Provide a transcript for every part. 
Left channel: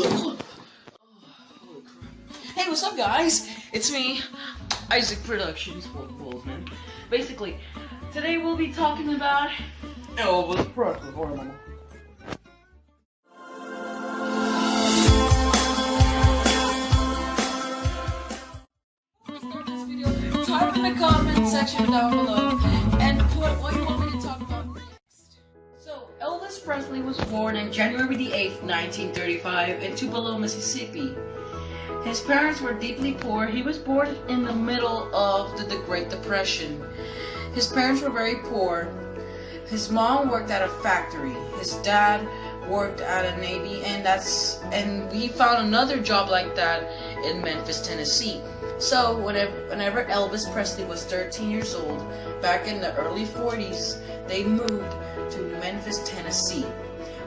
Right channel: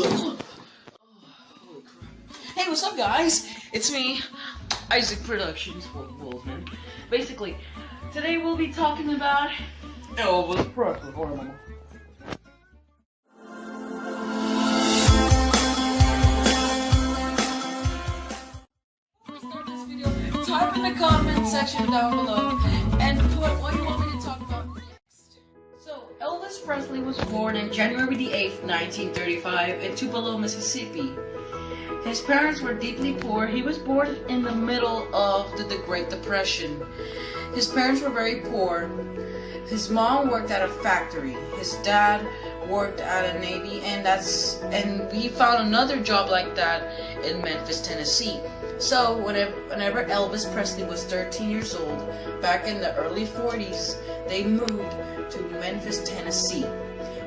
Hey, what's up, guys? It's me, Isaac Productions, Wolfman. Basically, today we'll be talking about Elvis Presley. Type in the comment section down below and put what you want me to talk about next. So, Elvis Presley was born on January the 8th, 1935 in Tupelo, Mississippi. His parents were deeply poor. He was born in the middle of the Great Depression. His parents were very poor. His mom worked at a factory. His dad worked at a Navy, and he found another job like that in Memphis, Tennessee. So whenever Elvis Presley was 13 years old, back in the early 40s, they moved to Memphis, Tennessee,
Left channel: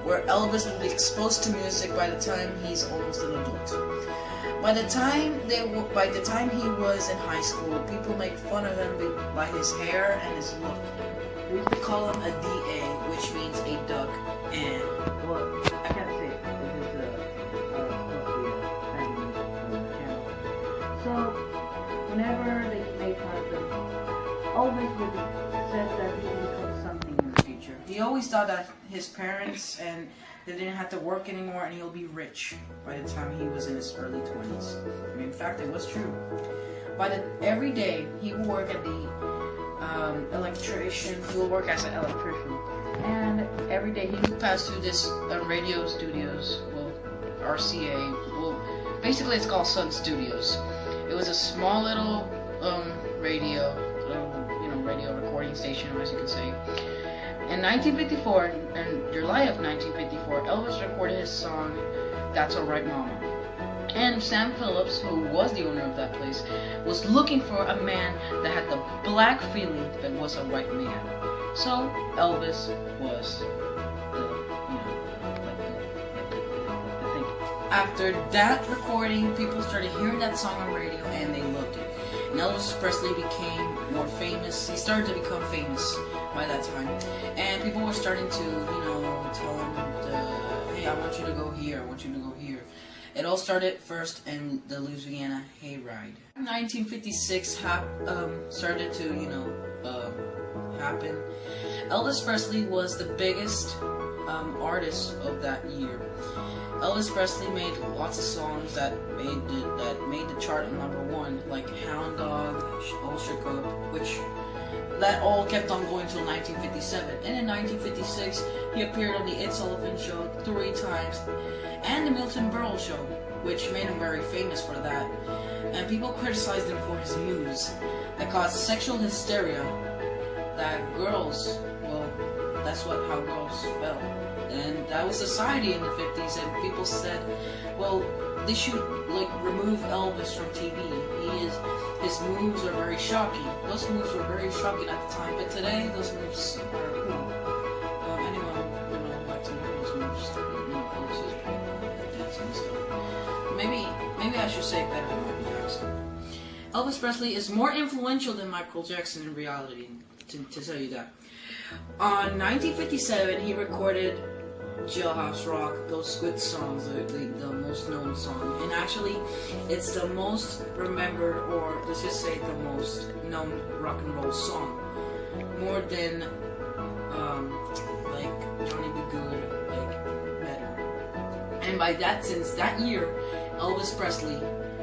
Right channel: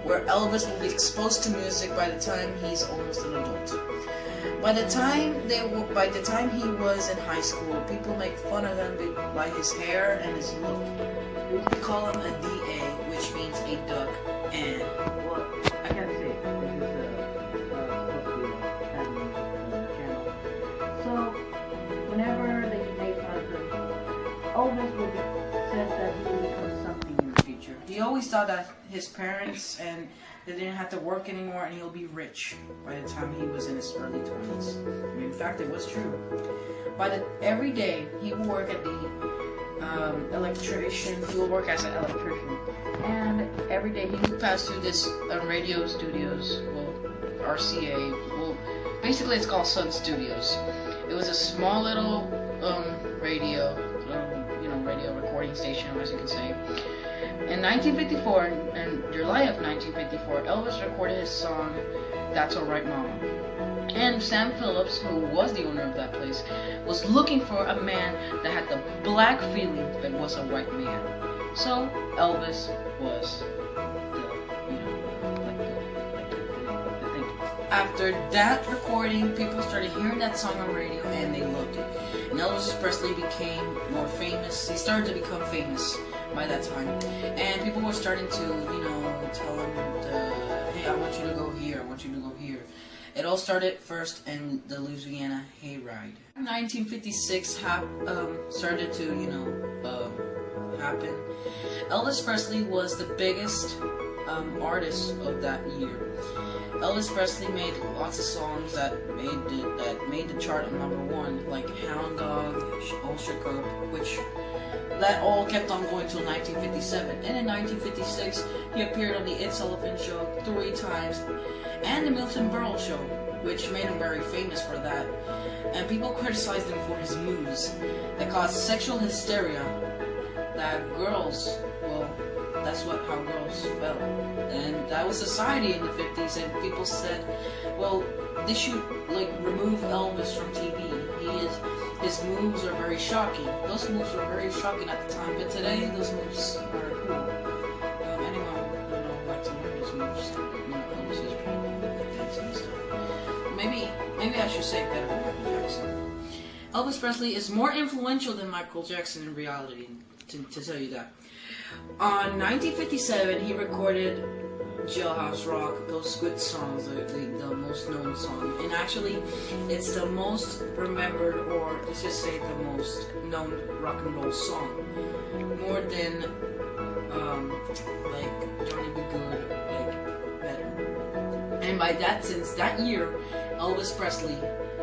where Elvis will be exposed to music by the time he's almost an adult. By the time he was in high school, people make fun of him by his hair and his look. They used to call him a DA, which means a duck, and well, I can't say it. This is supposed to be a family channel. So, whenever they made fun of him, Elvis said that he would become something in the future. He always thought that his parents and they didn't have to work anymore, and he'll be rich by the time he was in his early 20s. I mean, in fact, it was true. Every day he would work at the electrician. He will work as an electrician, and every day he would pass through this radio studios. Well, RCA. Well, basically it's called Sun Studios. It was a small little radio recording station, as you can say. In 1954, in July of 1954, Elvis recorded his song, "That's Alright Mama." And Sam Phillips, who was the owner of that place, was looking for a man that had the black feeling but was a white man. So Elvis was the thing. After that recording, people started hearing that song on radio and they loved it. And Elvis Presley became more famous. He started to become famous by that time. And people were starting to, tell him, hey, I want you to go here, I want you to go here. It all started first in the Louisiana hayride. 1956 started to, happen. Elvis Presley was the biggest artist of that year. Elvis Presley made lots of songs that made the chart on #1, like Hound Dog, All Shook Up, which that all kept on going till 1957. And in 1956, he appeared on the Ed Sullivan Show 3 times, and the Milton Berle Show, which made him very famous for that. And people criticized him for his moves that caused sexual hysteria. That girls, well, that's how girls felt. And that was society in the 50s, and people said, well, they should remove Elvis from TV. His moves are very shocking. Those moves were very shocking at the time, but today those moves are cool. Anyone like to learn those moves. Elvis is pretty cool at dancing and stuff. Maybe I should say better than Michael Jackson. Elvis Presley is more influential than Michael Jackson in reality, to tell you that. On 1957, he recorded Jailhouse Rock, those good songs, the most known song. And actually, it's the most remembered, or let's just say the most known rock and roll song. More than, Johnny B. Good, better. And since that year, Elvis Presley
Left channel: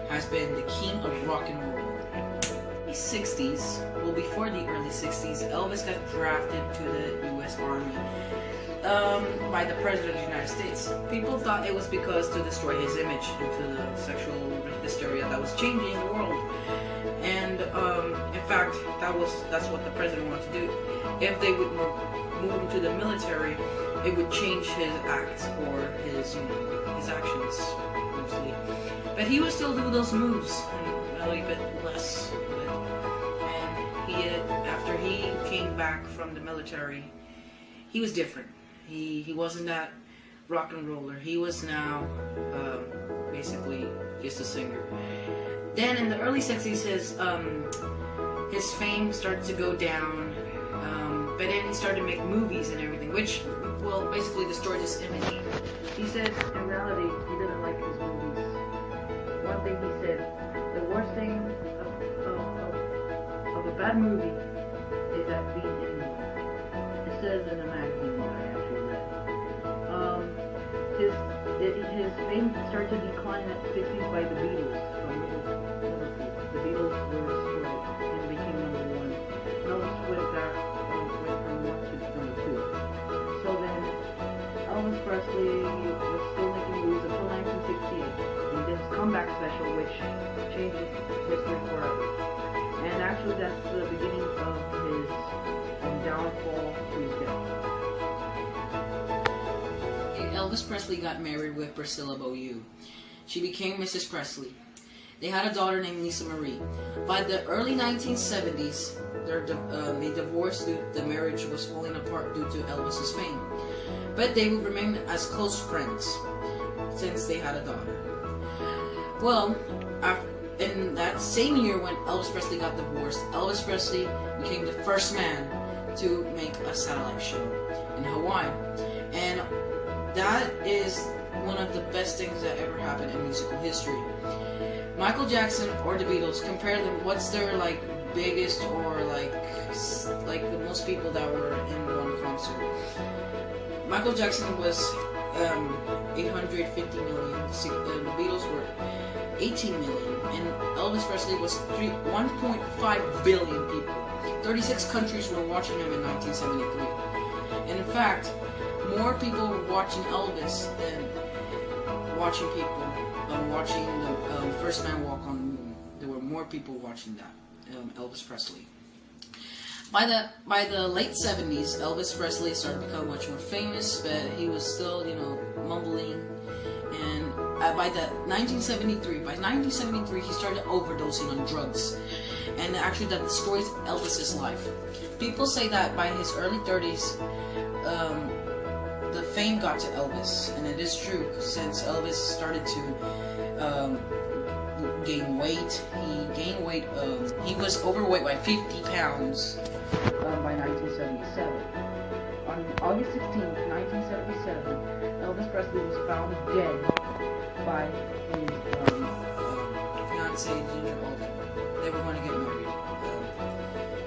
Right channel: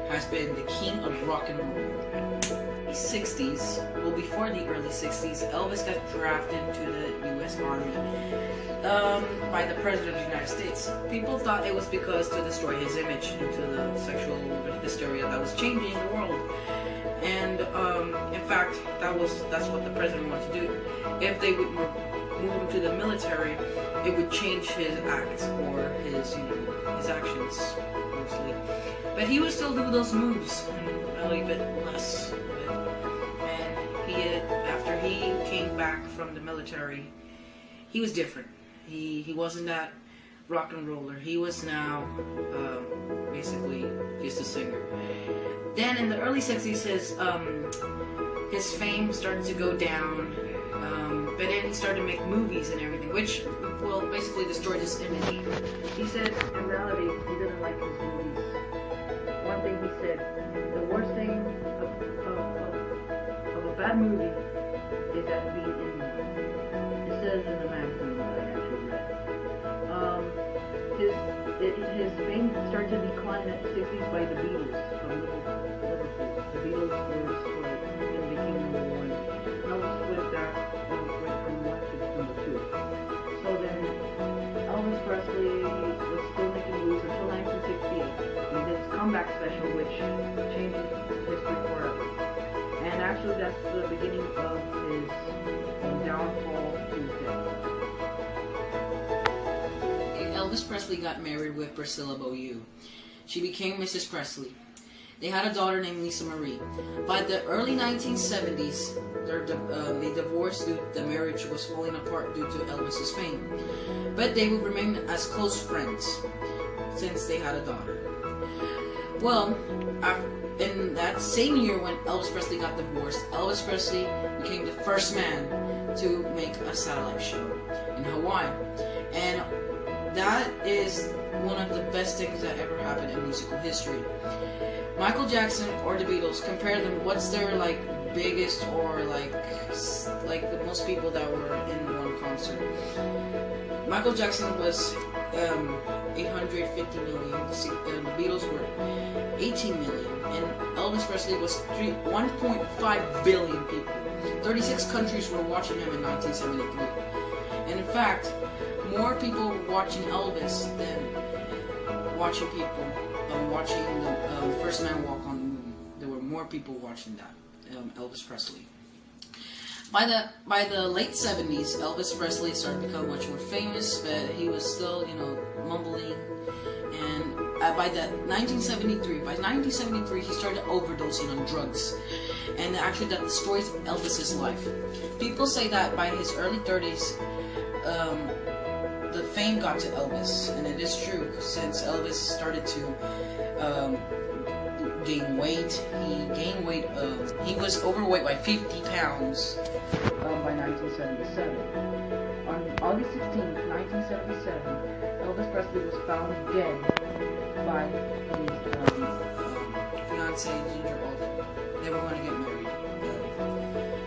has been the king of rock and roll. In the 60s, well, before the early 60s, Elvis got drafted to the U.S. Army by the President of the United States. People thought it was because to destroy his image due to the sexual hysteria that was changing the world. And in fact, that's what the president wanted to do. If they would move him to the military, it would change his acts or his actions mostly. But he would still do those moves, and a little bit less of it. And after he came back from the military, he was different. He wasn't that rock and roller. He was now basically just a singer. Then in the early 60s, his fame started to go down, but then he started to make movies and everything, which well, basically destroyed his image. He said in reality he didn't like his movies. One thing he said, the worst thing of a bad movie is that being in one. It says in a magazine that I actually read. His fame started to decline at the 60s by the Beatles from Liverpool. The Beatles were destroyed and became #1. Elvis went from 1 to #2. So then Elvis Presley was still making movies until 1968. He did his comeback special, which changed history forever. And actually that's the beginning of his downfall to his death. Elvis Presley got married with Priscilla Beaulieu. She became Mrs. Presley. They had a daughter named Lisa Marie. By the early 1970s, they divorced due the marriage was falling apart due to Elvis's fame. But they would remain as close friends since they had a daughter. Well, in that same year when Elvis Presley got divorced, Elvis Presley became the first man to make a satellite show in Hawaii. And that is one of the best things that ever happened in musical history. Michael Jackson or the Beatles, compare them. What's their biggest or like the most people that were in one concert? Michael Jackson was 850 million. The Beatles were 18 million, and Elvis Presley was 1.5 billion people. 36 countries were watching him in 1973, and in fact, more people were watching Elvis than watching the first man walk on the moon. There were more people watching that, Elvis Presley. By the late 70s, Elvis Presley started to become much more famous, but he was still, mumbling. And by 1973, he started overdosing on drugs, and actually that destroys Elvis's life. People say that by his early 30s, the fame got to Elvis, and it is true, since Elvis started to gain weight. He was overweight by 50 pounds by 1977. On August 16th, 1977, Elvis Presley was found dead by his fiancée, Ginger Alden. They were going to get married.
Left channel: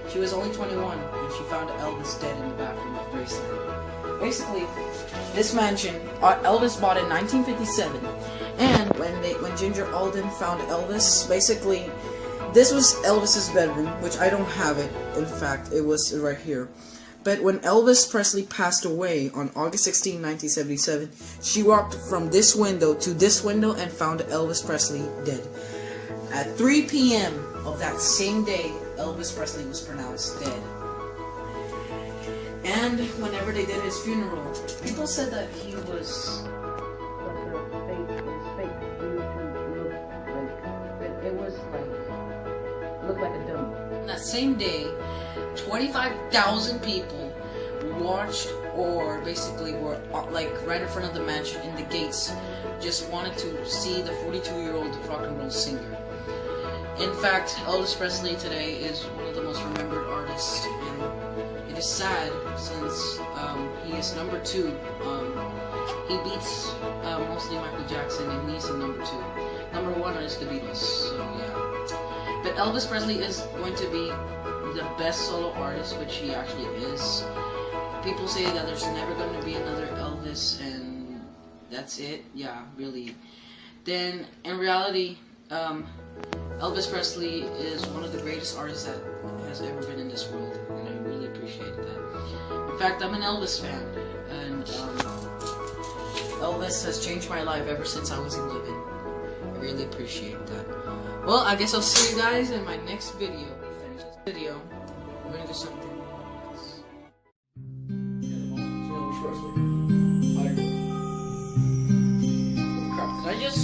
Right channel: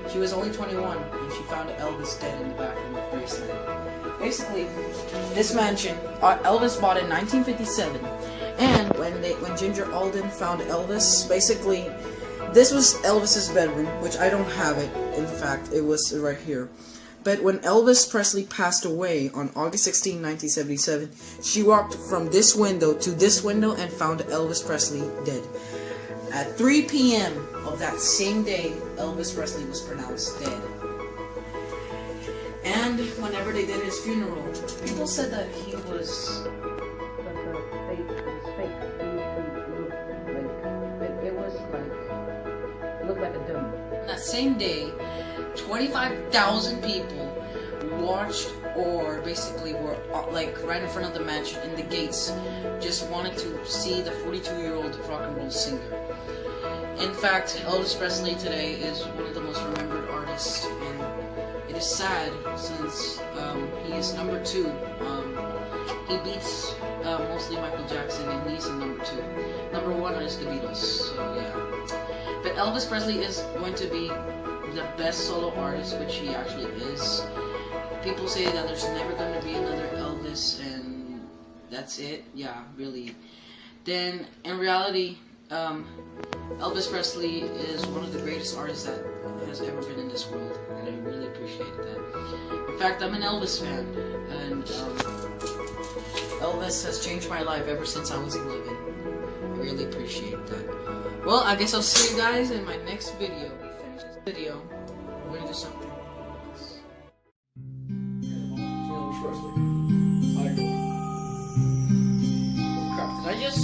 She was only 21, and she found Elvis dead in the bathroom of Graceland. Basically, this mansion Elvis bought in 1957, and when Ginger Alden found Elvis, basically, this was Elvis's bedroom, which I don't have it. In fact, it was right here. But when Elvis Presley passed away on August 16, 1977, she walked from this window to this window and found Elvis Presley dead. At 3 p.m. of that same day, Elvis Presley was pronounced dead. And whenever they did his funeral, people said that he was fake. It was fake due to it looked like a dummy. On that same day, 25,000 people watched, or basically were right in front of the mansion in the gates, just wanted to see the 42-year-old rock and roll singer. In fact, Elvis Presley today is one of the most remembered artists, and it is sad since he is number 2. He beats mostly Michael Jackson, and he's in number 2. Number 1 is the Beatles, so yeah. But Elvis Presley is going to be the best solo artist, which he actually is. People say that there's never going to be another Elvis, and that's it. Yeah, really. Then, in reality, Elvis Presley is one of the greatest artists that has ever been in this world, and I really appreciate that. In fact, I'm an Elvis fan, and Elvis has changed my life ever since I was 11. I really appreciate that. Well, I guess I'll see you guys in my next video. When we finish this video, we're gonna do something else. Elvis Presley. Oh crap, did I just